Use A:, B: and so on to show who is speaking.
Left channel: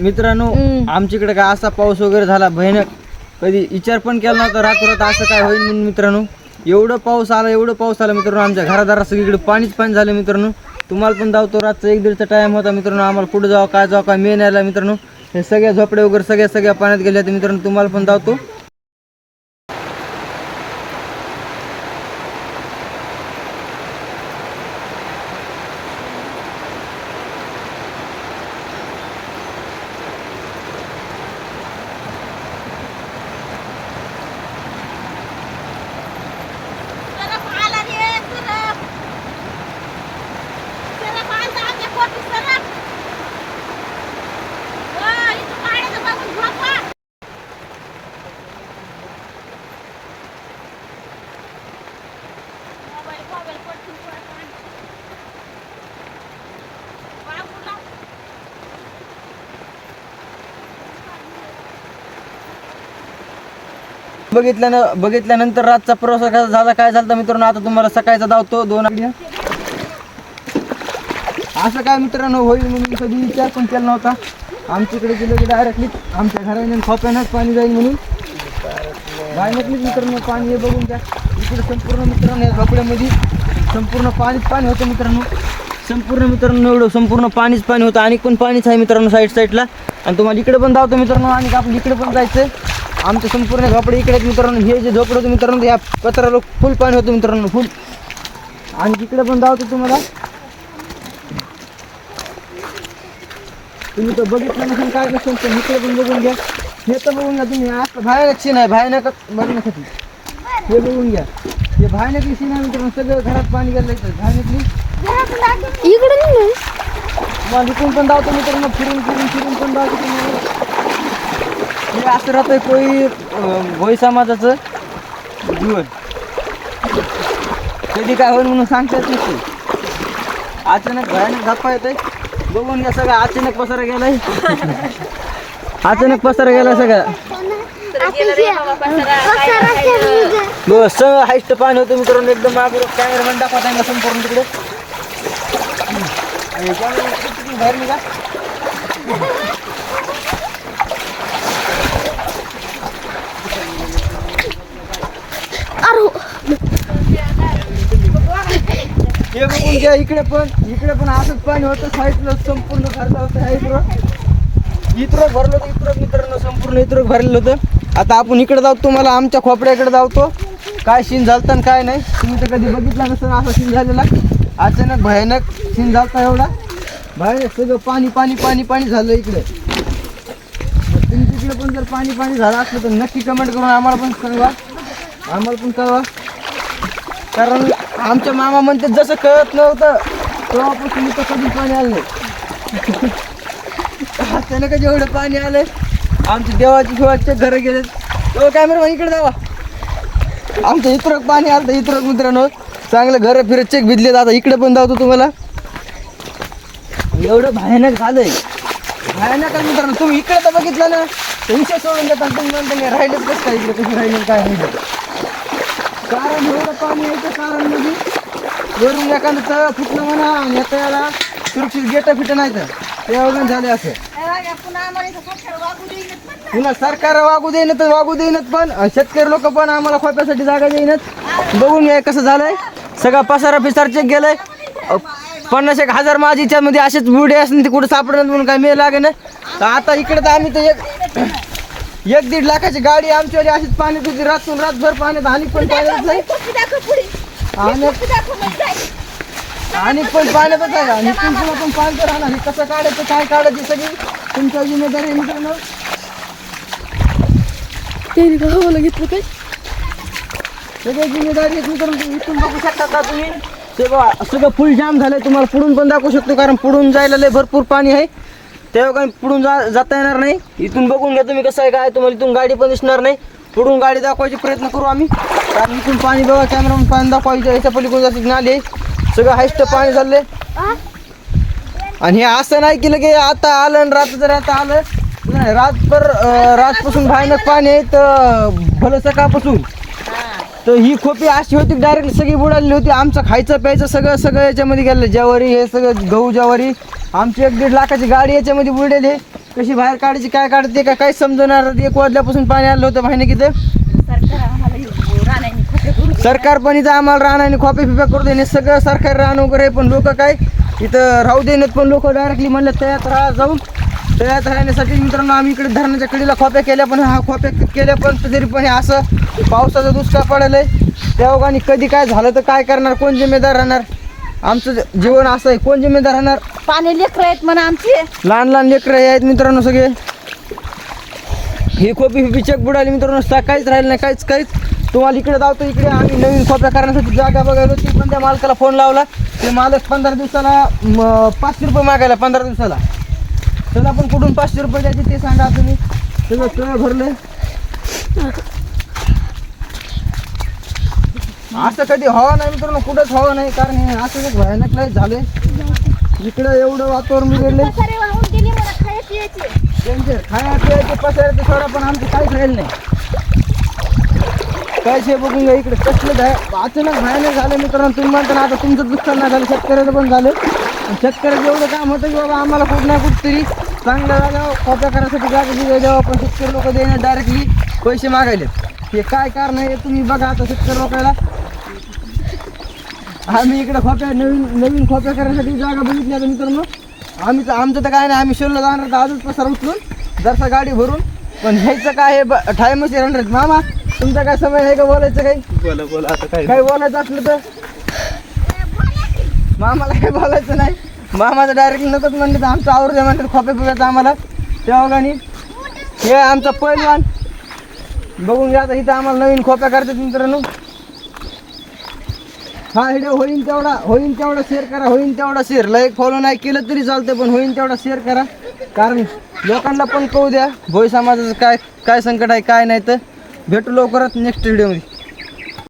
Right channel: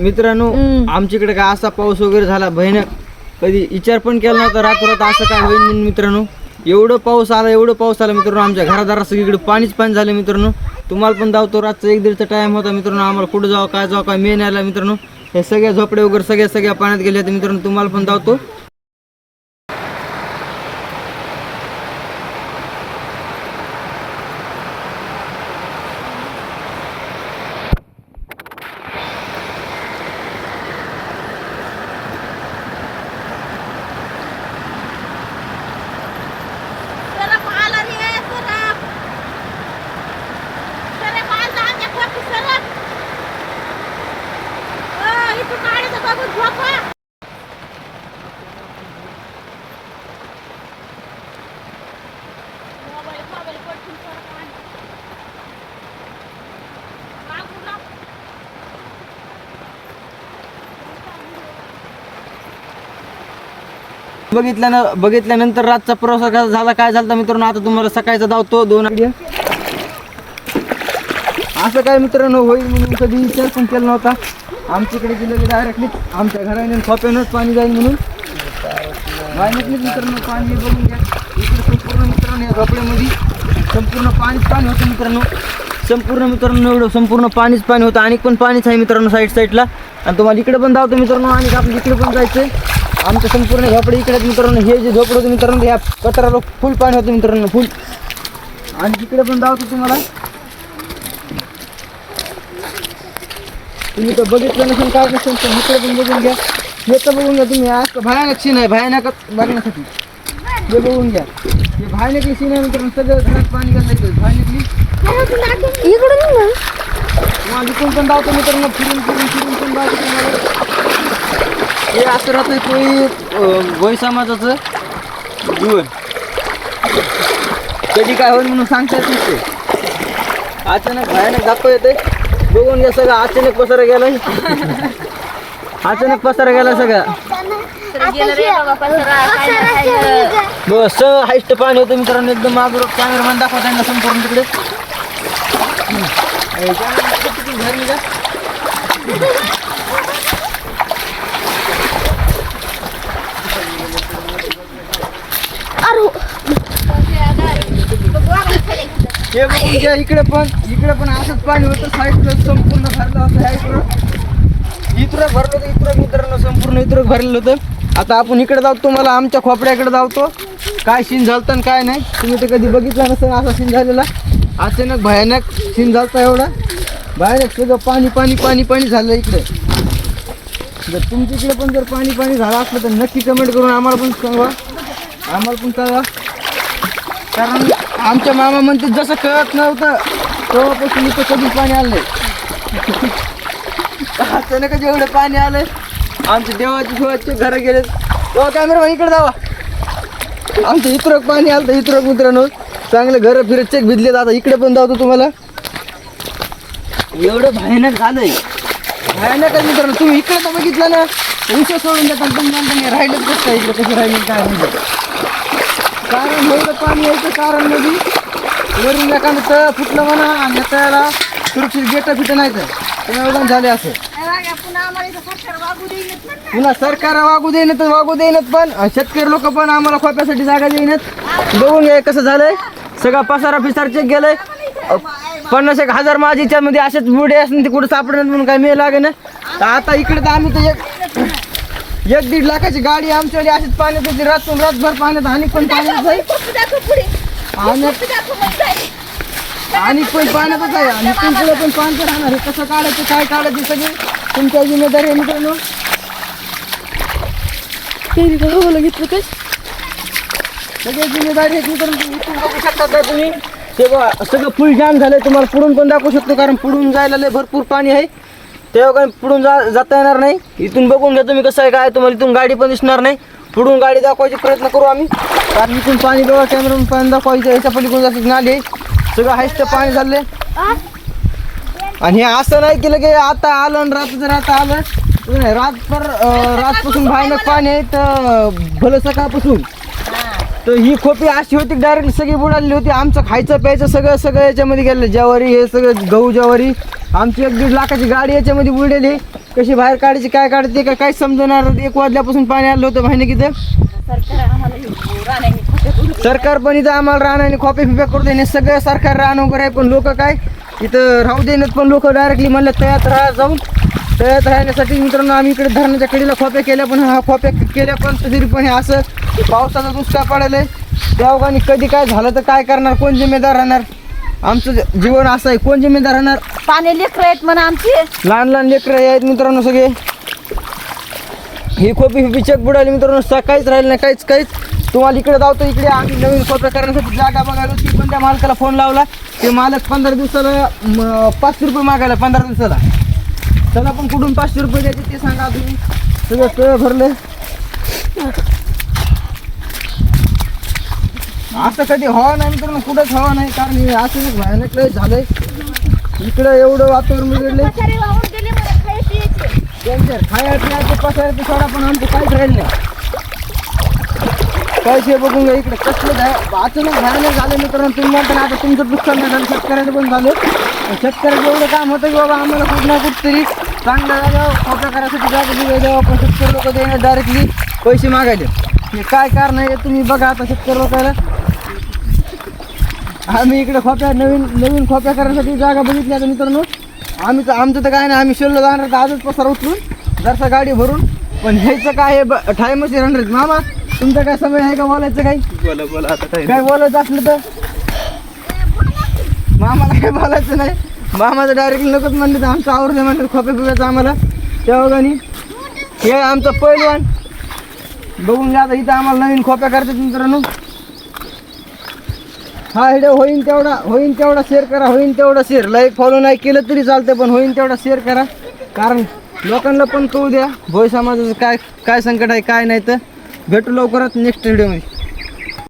A: मित्रांनो. आमच्याकडे काय असा पाऊस वगैरे झाला भयानक. कधी विचार पण केला नव्हता रातोरात असं काय होईल म्हणून मित्रांनो. एवढं पाऊस आला एवढं पाऊस आला मित्रांनो आमच्या घरादारात सगळीकडे पाणीच पाणी झालं मित्रांनो. तुम्हाला पण धावतो रातचा एक दीडचा टाइम होता मित्रांनो आम्हाला कुठं जावं काय जावं काय मेन यायला मित्रांनो. हे सगळ्या झोपडे वगैरे सगळ्या सगळ्या पाण्यात गेले होते मित्रांनो तुम्हाला पण धावतो. बघितल्यानं बघितल्यानंतर रातचा प्रवास झाला काय झाला मित्रांनो आता तुम्हाला सकाळचा धावतो दोन आधी असं काय मित्रांनो होईल म्हणून कधी विचार पण केला नव्हता. आमच्याकडे गेलं की डायरेक्टली आमच्या घराने खोप्यानंच पाणी जाईल म्हणून. बाहेरच मित्रांनो पाणी बघून घ्या. इकडे संपूर्ण मित्रांनो या खोपड्यामध्ये संपूर्ण पाणीच पाणी होतं मित्रांनो. संपूर्ण मित्रांनो एवढं संपूर्ण पाणीच पाणी होतं. आणि पण पाणीच आहे मित्रांनो साईड साईडला आणि तुम्हाला इकडे पण धावतो मित्रांनो. आणि आपण इकडे पण जायचं आमचं संपूर्ण झोपडे इकडे मित्रांनो. हे जे झोपडे होते मित्रांनो या पत्राला फुल पाणी होतं मित्रांनो फुल आणि तिकडे पण धावतो तुम्हाला. तुम्ही तर बघितलं नसेल काय नसेल तर इकडे पण बघून घ्या. हे तर बघून घ्या तुम्ही. आज भयानक सीन आहे भयानक बघण्यासाठी. हे बघून घ्या. हे भयानकली सीन आहे मित्रांनो. सगळं घरात पाणी गेलं नाही भयानकली.
B: इकडून.
A: तुम्हाला इकडून पण धावतो मित्रांनो. फिरून फिरून फिरून पण धावतो हे असं राहतंय कोळी भोई समाजाचं जीवन. कधी काय होईल म्हणून सांगता येत नसते. अचानक भयानक धप्पा येते बघून घ्या सगळं. अचानक पसारा गेलाय. अचानक पसारा गेला सगळा. बस सगळं हाईस्ट पाणी होतं मित्रांनो. एकदम मागून कॅमेरामॅन दाखवा त्यांना संपूर्ण तिकडे. हम्म. का cameraman तिकडे तिकडून बाहेर निघा हे बघून घ्या इकडे पण इकडे पण असंच पाणी होतं साईडला संपूर्ण भरलं होतं साईडवर इकडे. भरलं होतं इकडे मित्रांनो संपूर्ण इकडे भरलेलं होतं आता आपण इकडे जाऊ तुम्हाला आमच्या खोपड्याकडे जावतो काय सीन झालतं आणि काय नाही तुम्ही तर कधी बघितलं नसेल असा सीन झालेला. अचानक भयानक सीन झालतं एवढा. भयानक सगळं पाणी पाणी पाणी पाणी झालं इकडे. जर तुमच्या इकडे पण जर पाणी पाणी झालं असलं तर नक्की कमेंट करून आम्हाला पण कळवा. आम्हाला पण कळवा. कारण आमच्या मामा म्हणतात जसं कळत नव्हतं तेव्हापासून इथे कधी पाणी आलं नाही. अचानकच एवढं पाणी आलं आमच्या देवाची शिवाचे घरं गेले. तो कॅमेरा इकडे जावा. आमचं इतरक पाणी आलं तर इतरक मित्रांनो. चांगलं घरं फिरत चेक भिजले आता इकडे पण जातो तुम्हाला. एवढं भयानक झालंय. भयानक मित्रांनो. तुम्ही इकडे तर बघितलं ना तर विषय सोडून देतात. पण राहिलंच कसं काय इकडे? कसं राहिलं काय म्हणतो कारण एवढं पाणी यायचं कारण म्हणजे वरून एखादं तळ फुटलं म्हणा आणि या तळ्याला सुरक्षित गेट तिथे नाही तर एवढं झाले असे.
C: पुन्हा सरकार वागू
A: देईन तर वागू देईनच पण. शेतकरी लोक पण आम्हाला खोप्यासाठी जागा देईनच. बघून कसं झालंय. सगळा पसारा पिसार चेक गेलंय पन्नास एक हजार माझीच्या मध्ये असेच बुडे असतील ते कुठं सापडणार म्हणून काय मिळ लागे ना तर आता इकडे तर आम्ही तर एक एक दीड लाखाची गाडी आमच्याकडे अशीच पाण्यात होती. रातून रातभर पाण्यात आणि पण पाण्यात आणि
C: जाईल.
A: पण पाण्यातच आहे आणि तुमचं पण पाणी राहणार. हे कसं काढायचं काय काढायचं सगळी? तुमच्या जिम्मेदारी आहे मित्रांनो.
B: त्यांनी का हवं घेतलं काय?
A: सगळी जिम्मेदारी आहे मित्रांनो. तुम्ही इथून बघू शकता का तुम्ही? ते बघा सगळं फुल जाम झालं तुम्हाला पुढून पण दाखवू शकतो कारण पुढून जायला लय भरपूर पाणी आहे. तेव्हा काय पुढून जा जाता येणार नाही? इथून बघून घ्या तुम्ही कसं आहे काय तुम्हाला इथून गाडी पण दिसणार नाही. पुढून गाडी दाखवायचे प्रयत्न करू आम्ही. कारण इथून पाणी बघा कॅमेरा पाणी दाखवायचं याच्या पलीकडून जास्त नाले सगळं हायस्ट पाणी झाले आणि हे असं नाही केलं की आता आलं आणि रात्र आता आलं. नाही रातभर रातपासून भयानक पाणी आहे तर भलं सकाळपासून. तर ही खोपी अशी होती डायरेक्ट सगळी बुडालेली होती. आमचं खायचं प्यायचं सगळं सगळं याच्यामध्ये गेलं. ज्वारी हे सगळं गहू ज्वारी. आमची एक दीड लाखाची गाडी याच्यामध्ये बुडलेली कशी बाहेर काढायची काय काढते काय काय समजणार? एक वाजल्यापासून पाणी आलं होतं माहिती किती
C: सरकार
A: पण इथं आम्हाला राहण्याने खोपे फिप्या करू देणे सगळं सरकार राहणं वगैरे आहे पण लोक काय इथं राहू देण्यात पण लोक डायरेक्टली म्हणलं तळ्यात राहा जाऊन. तळ्यात राहण्यासाठी मित्रांनो आम्ही इकडे धरणाच्या कडीला खोप्या केल्या पण हा खोप्या केल्या पण तरी पण हे असं पावसाचा दुष्काळ पडायला त्या ओघाने कधी काय झालं तर काय करणार कोण जिम्मेदार राहणार? आमचं जीवन असं आहे कोण जिम्मेदार राहणार?
C: पाणी लेकर आहेत म्हणा आमची.
A: लहान लहान लेकरं आहेत मित्रांनो सगळे. ही खोपी खोपी चक बुडाली मित्रांनो सा- काहीच राहिलं नाही काहीच काहीच. तुम्हाला इकडे जावतो इकडे आम्ही नवीन खोप्या करण्यासाठी जागा बघायला होती. पण त्या मालकाला फोन लावला. ते मालक पंधरा दिवसाला पाचशे रुपये मागायला पंधरा दिवसाला. त्याला पण कुठून पाचशे रुपये द्यायचे ते सांगा तुम्ही. सगळं तळ भरले असं कधी हवा नाही मित्रांनो कुठंच हवा नाही. कारण हे असं भयानक झालंय. इकडे एवढं वातावरण त्यांचे खाया पियाचे पसायचे सोडा पण आमचे काहीच राहील नाही. काय शे बघून घ्या इकडे. कसलं अचानक भयानक झालं मित्रांनो तुम्ही म्हणता ना आता तुमचं नुकसान नाही झालं शेतकऱ्याचं पण झालं. शेतकऱ्याचं एवढं काम होतं की बाबा आम्हाला कुठं ना कुठं तरी चांगल्या जागा खोप्या करण्यासाठी जागा दिली. द्यावं पण शेतकरी लोक देणे डायरेक्टली पैसे मागायले हे काय कारण आहे तुम्ही बघा आता शेतकरी लोकांना. आम्ही इकडे खोप्या नवीन नवीन खोप्या करण्यासाठी जागा बघितली आता मित्रांनो. आम्ही तर आमचं तर काय नाही आम्ही शिल्लक जाणार तर आजच पसार उचलून जरसा गाडी भरून. पण ह्याचं काय आहे ठायमशी रंडत मामा तुमचा काय समय आहे का बोलायचं काही?
D: बोला बोला आता काय
A: काय बोलायचं असलं तर? मामाला काय बोलायचं नाही. मामाचं डायरेक्ट नकोच म्हणलं तर आमचं आवडतं म्हणलं खोप्या पिप्याचं आम्हाला. तेव्हा हे आमचं पहिलवान बघून घ्या आता इथं आम्हाला नवीन खोप्या करतात मित्रांनो. हा व्हिडिओ होईन तेवढा होईन तेवढा शेअर करा होईन तेवढा शेअर लाईक फॉलो नाही केलं तरी चालतं पण होईन तेवढा शेअर करा. कारण लोकांना पण कळू द्या भोई समाजाचं काय काय संकट आहे काय नाही तर भेटू लवकरच नेक्स्ट व्हिडिओमध्ये